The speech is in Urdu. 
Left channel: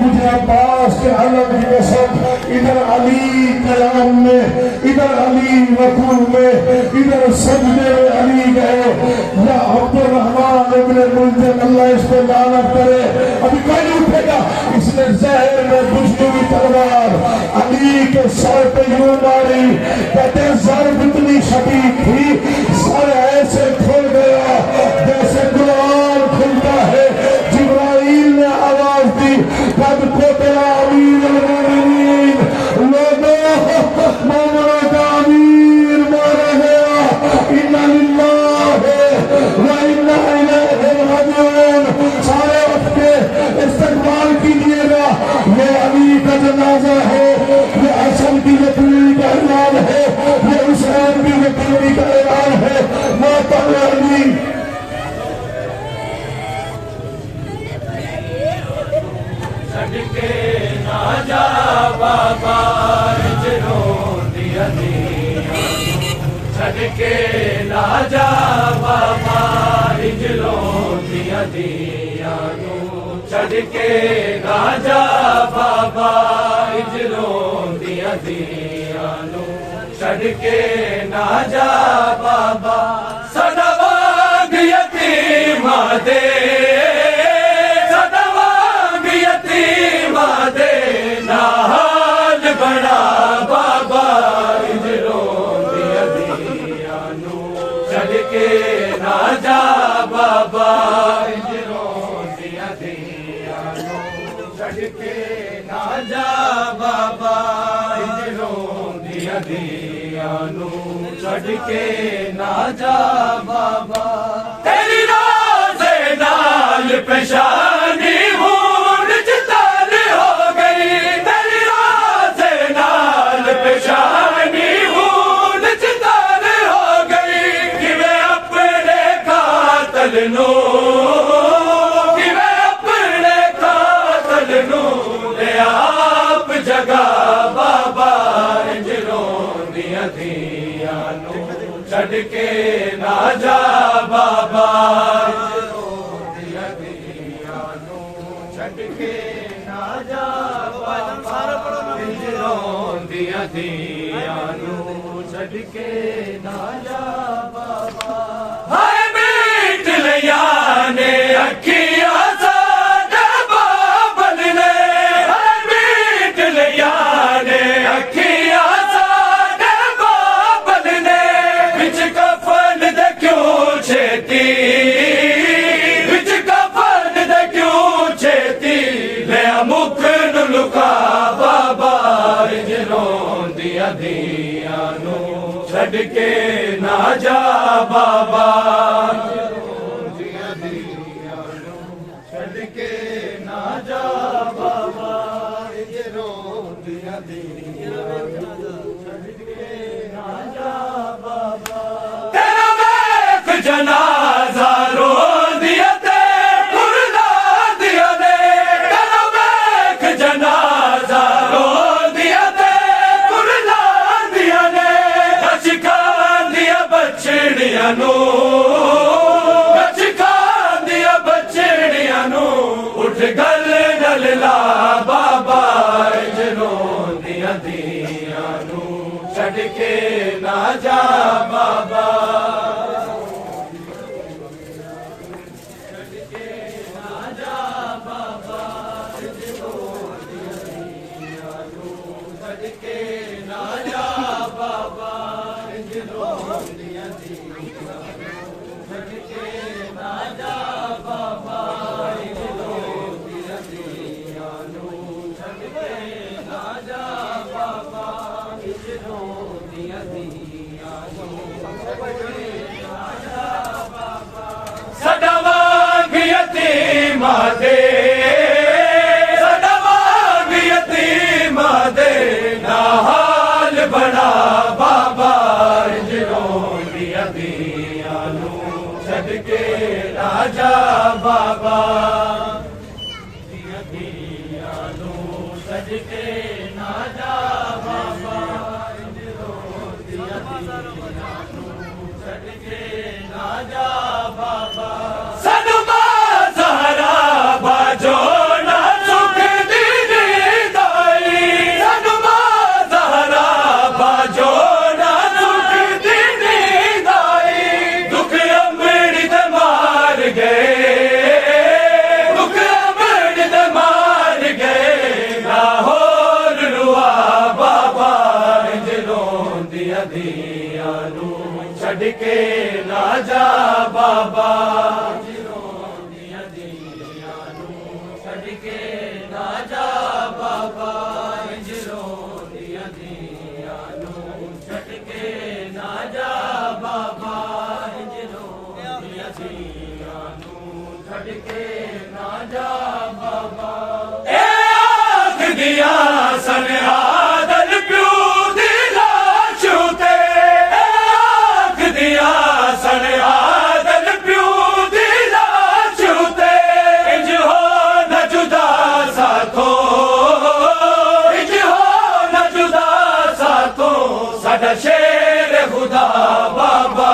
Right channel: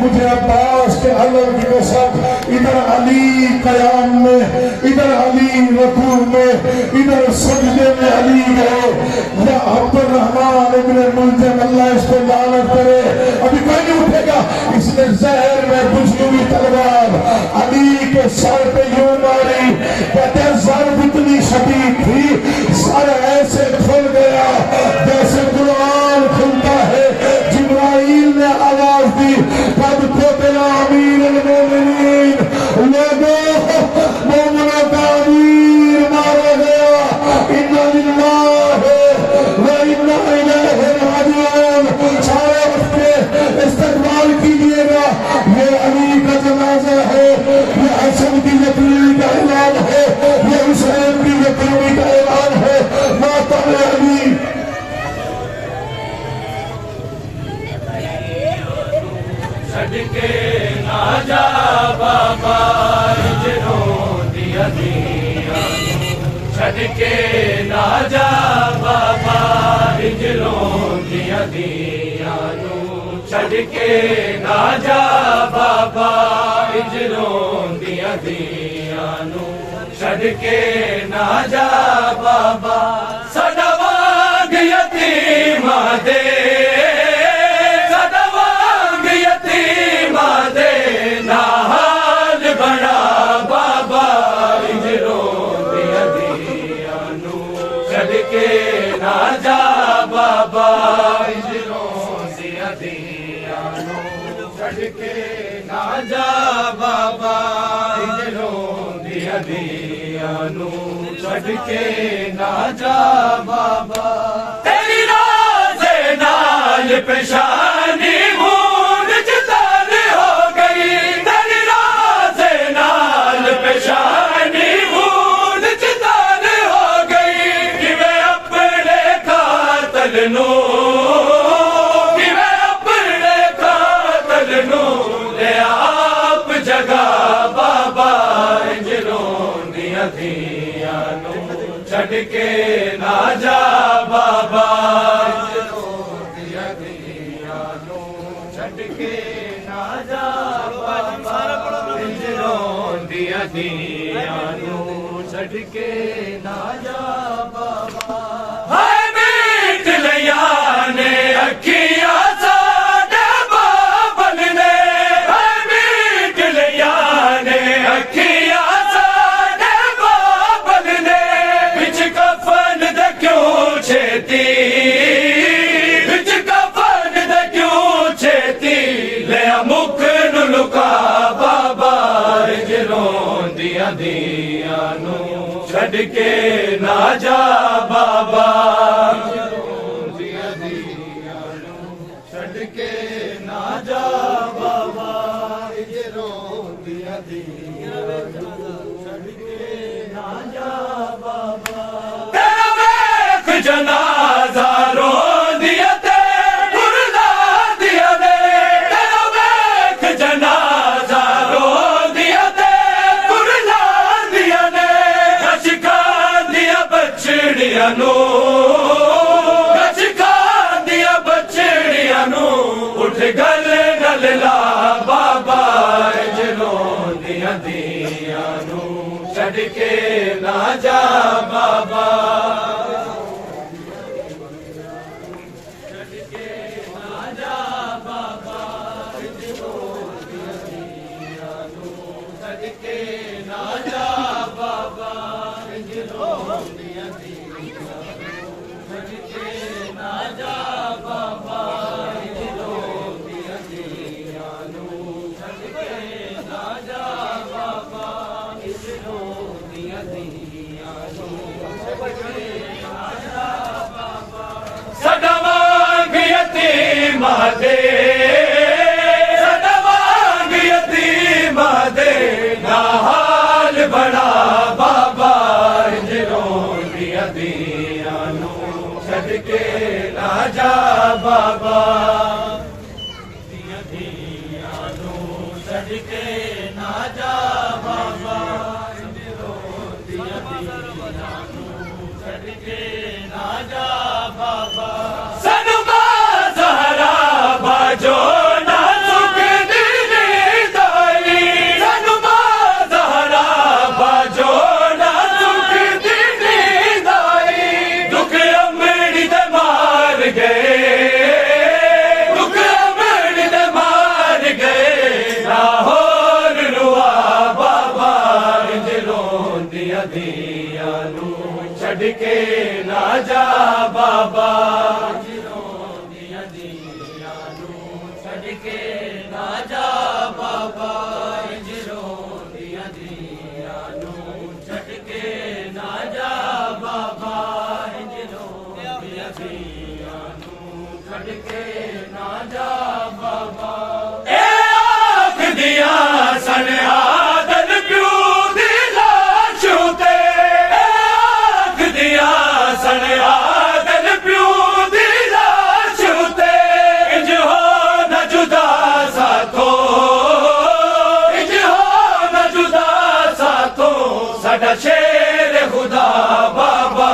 مجھے عباس کے علم کی قسم، ادھر علی قیام میں، ادھر علی رکوع میں، ادھر سجدے میں علی گئے. یا عبد الرحمن ابن ملجم، اللہ اس کو لعنت کرے، ابھی کوئی نہیں اٹھے گا. اس نے زہر میں بجھلی تلوار علی کے سر پہ یوں ماری، کہتے ضرب اتنی شدید تھی سر ایسے کھل گیا جیسے قرآن کھلتا ہے. جبرائیل نے آواز دی، قد قتل امیر المومنین، لوگوں مومنوں کا امیر مارا گیا. انا للہ و انا الیہ راجعون. سارے اٹھ کے استقبال کیجیے گا. یہ علی کا جنازہ ہے، یہ حسن کی یتیمی کا اعلان ہے، یہ حسین کی یتیمی کا اعلان ہے. موت علی صدقے نہ جا بابا اجروں دیا دیا، صدقے نہ جا بابا اجروں دیا دیا، صدقے نہ جا بابا اجروں دیا دیا، صدقے نہ جا بابا صدوانگ یتیمہ دے، بابا اجروں دیا دیا، صدقے نہ جا بابا اجروں دیا دیا، صدقے نہ جا بابا اجروں دیا دیا، صدقے نہ جا بابا. تیری راز نال پیشانی مونڈ چتر ہو گئی، تیری راز نال پیشانی مونڈ چتر ہو گئی. میں اپنے قاتل نو، میں اپنے قاتل نو لے آپ جگہ بابا اجروں دیا دیا، صدقے نہ جا بابا اجروں دیا دیا، صدقے نہ جا بابا اجروں دیا دیا، صدقے نہ جا بابا. ہائے بیٹ لیا نے اکھیاں ساڈے بابل نے، ہائے بیٹ لیا نے اکھیاں ساڈے بابل نے، وچ کفن دے کیوں چھیتی، وچ کفن دے کیوں چھیتی، لیا مکھ نو لکا بابا اجروں دیا دیا، صدقے نہ جا بابا اجروں دیا دیا، صدقے نہ جا بابا اجروں دیا دیا، صدقے نہ جا بابا. تیرا ویکھ جنازہ رو دیا تے کرلا دیا دے، تیرا ویکھ جنازہ رو دیا تے کرلا دیا دے، کچھ کھان دیا بچڑیاں نو، کچھ کھان دیا بچڑیاں نو، اٹھ گل گل لا بابا اجروں دیا دیا، صدقے نہ جا بابا. صدوانگ یتیمہ دے، صدوانگ یتیمہ دے، حال بڑا بابا اجروں دیا دیا، صدقے نہ جا بابا دیا دیا، صدقے نہ جا بابا اجروں دیا دیا، صدقے نہ جا بابا. سنما زہرا باجو نہ چک دی ਕੇ ਨਾ ਜਾ ਬਾਬਾ ਰੋਂਦੀਆਂ ਦੀਆਂ ਨੂੰ ਛੱਡ ਕੇ ਨਾ ਜਾ ਬਾਬਾ ਰੋਂਦੀਆਂ ਦੀਆਂ ਨੂੰ ਛੱਡ ਕੇ ਨਾ ਜਾ ਬਾਬਾ ਰੋਂਦੀਆਂ ਦੀਆਂ ਨੂੰ ਛੱਡ ਕੇ ਨਾ ਜਾ ਬਾਬਾ ਇਹ ਆਖਦੀਆਂ ਸਨ ਆਦਲ ਪਿਓ ਦੀ ਲਾਸ਼ ਉਤੇ ਆਖਦੀਆਂ ਸਨ ਆਦਲ ਪਿਓ ਦੀ ਲਾਸ਼ ਉਤੇ ਇੰਜ ਹੋ ਨਾ ਜੁਦਾ ਸਾਥੋਂ ਇੰਜ ਹੋ ਨਾ ਜੁਦਾ ਸਾਥੋਂ ਸਾਡਾ ਸ਼ੇਰ ਖੁਦਾ ਬਾਬਾ